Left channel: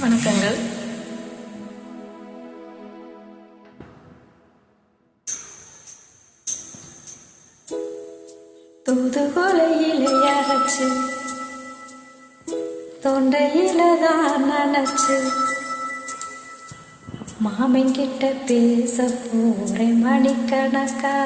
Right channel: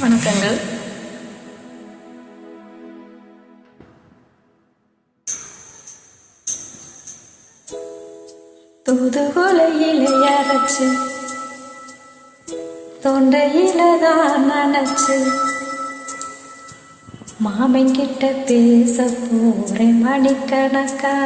வணக்கங்கள். தூதுகொலையில அரைச்சு தொண்டையில தான் நினைச்சு மாமங்கிட்ட பேச போறேன் மணிக்கணக்கா.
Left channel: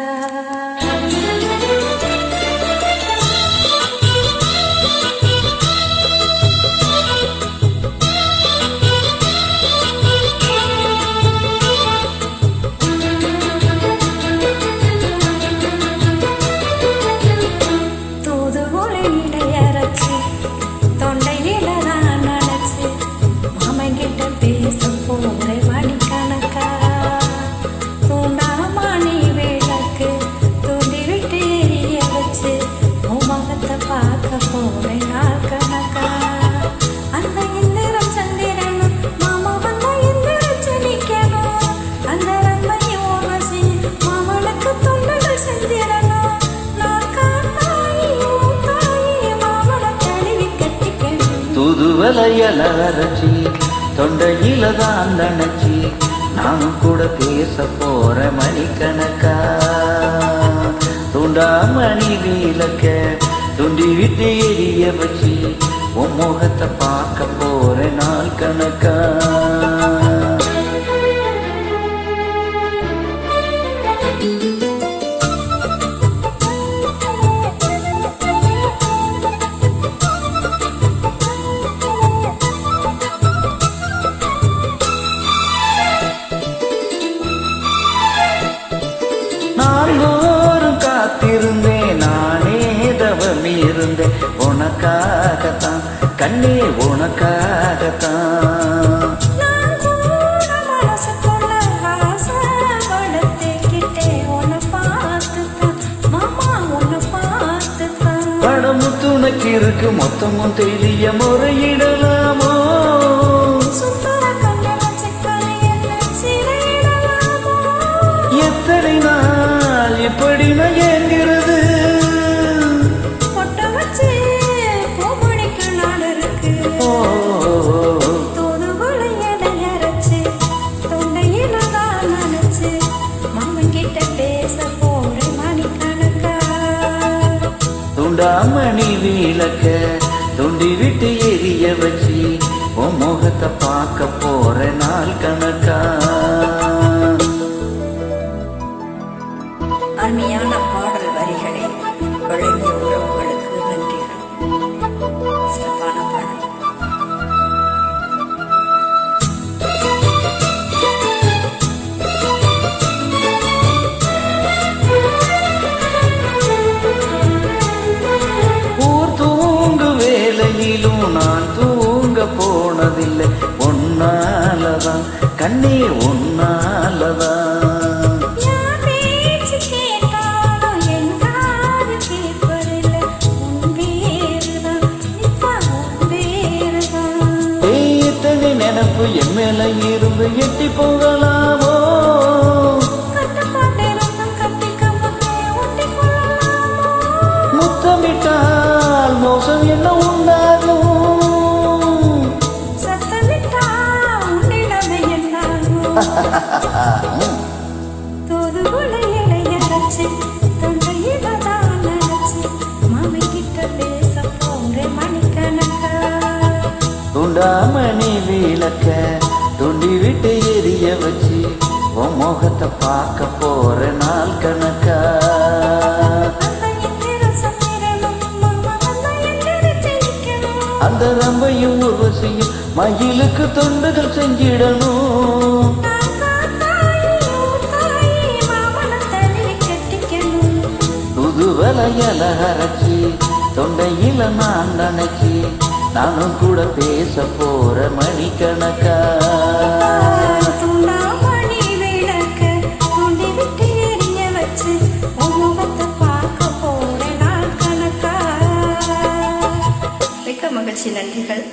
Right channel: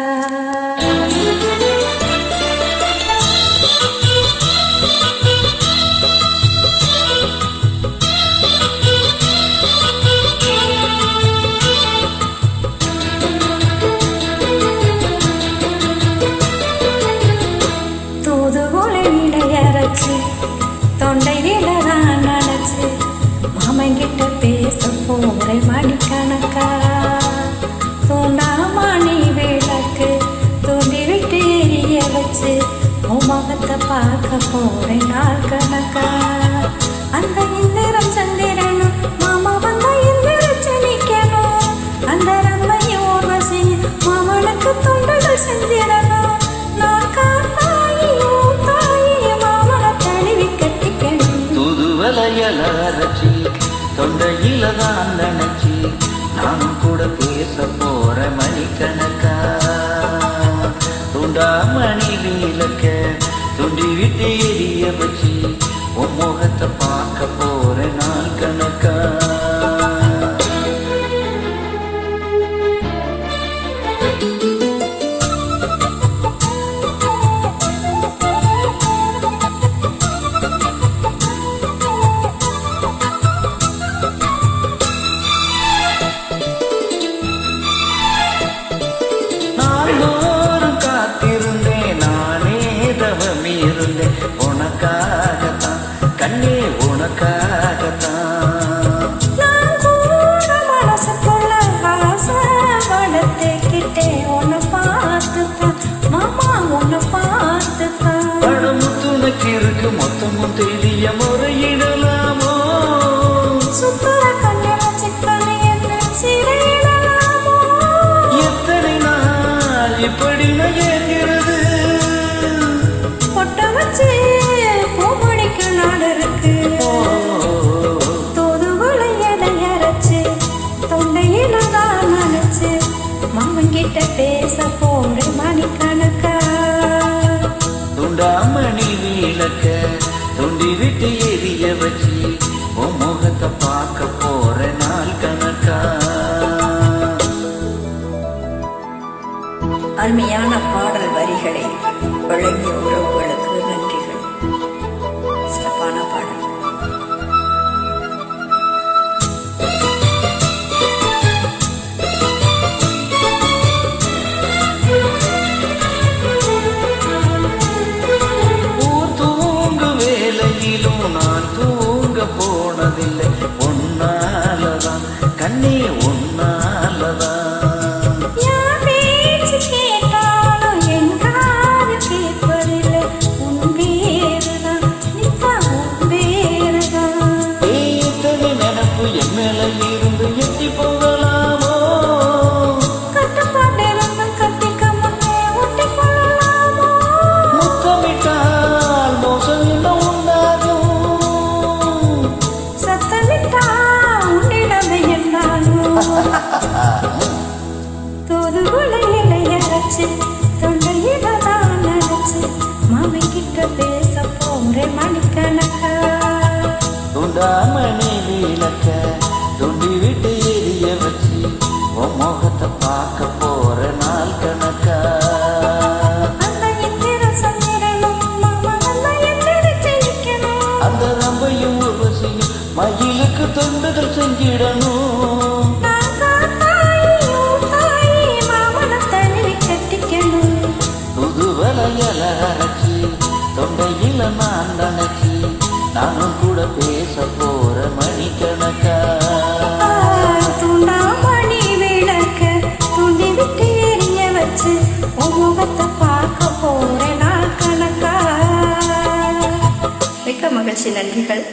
தொண்டையில தான் நினைச்சு மாமங்கிட்ட பேச போறேன் மணிக்கணக்கா. தூண்டாமணி விளக்கு தூண்டி விட்டு எரிய வச்சு முகத்தை பார்க்க போறேன் நாள் கணக்கா. அந்த இந்திரம் சந்திரனும் மாமா வந்த இந்திரச்சு நிக்கணும். அந்த ரம்மையும் ஊர்வசி மாமனுக்கு தொண்டுகள் செஞ்சிடணும். தூதுவளையல அரைச்சி தொண்டையில தான் நினைச்சி நானும் கூட பேச போற மணிக்கணக்கா. தூண்டாமணி விளக்க துண்டி விட்டு எரிய வச்சு உன் முகத்தை பார்க்க போற நாள் கணக்கா. நாள்தோறும் காத்திருந்தேன் நானே தவம் இருந்தேன் உனக்காகத்தான் கண்ணே உனக்காகத்தான். மனசுக்குள்ள ஆசை வளர்த்துக்கிட்டே உன்னை பார்த்துத்தான் மாமா உன்னை பார்த்துத்தான். படமும் துணைக்கு இருக்கு மொத்தமும் தெரிய முறையிடலாமோ. சுத்தர கண்ண சிக்கனை என்ன சிறையிடலாமோ. எத்தனை நாள் இப்படி நான் ஏங்கிறது. பொட்ட வச்சு பூமணிக்கு நாடு இருக்கு. தூதுகளை எடையரைச்சு தொண்டையில தான் நினைச்சு மாமங்கிட்ட பேச போறேன் மணிக்கணக்கா. துண்டாமணி விளக்க துண்டி விட்டு எரிய வச்சு உன் முகத்தை பார்க்க போற நாள் கணக்கா. அருமையான பாடல் வரிகளை வழங்கிய உறவுகளுக்கு நன்றிகள். சிறப்பான பாடல். ஊர் தூங்கு வேலையிலும் நான் தூங்க போனதில்லை ஒன்னாலதான் கண்ணே ஒன்னாலதான். கேட்டாலும் என் காது கேட்பதில்லை உன் வேறுதான் நித்தா உன் வேறுதான். எத்தனை நினப்பு என் மேல இருந்து எட்டி போகலாமோ. கட்டுப்பாட்டிருந்தும் கட்டிக்க முன்னே ஒட்டி கொள்ளலாமோ. முத்தமிட்டால் மோசம் என்ன உண்டாகும். சத்தமிட்டால் உன்னிடமே என்னாகும். தூதுகுலையில அரைச்சு தொண்டையில தான் நினைச்சு மாமங்கிட்ட பேச போறேன் மணிக்கணக்கா. துண்டாமணி விளக்க துண்டி விட்டு எரிய வச்சு உன் முகத்தை பார்க்க போற நாள் கணக்கா. அந்த இந்திர சந்திரனும் மாமா வந்த எந்திரச்சு நிக்கணும். அந்த ரம்பையும் ஊர்வசியும் மயிலுக்கு தொண்டுகள் செஞ்சிடணும். தூதுவளையல அரைச்சி தொண்டையில நான் நினைச்சி நானும் கூட பேச போற மணிக்கணக்கா. தூண்டாமணி விளக்க துண்டி விட்டு எரிய வச்சு உன் முகத்தை பார்க்க போற நாள் கணக்கா. மிக்க மகிழ்ச்சி. நன்றிகள்.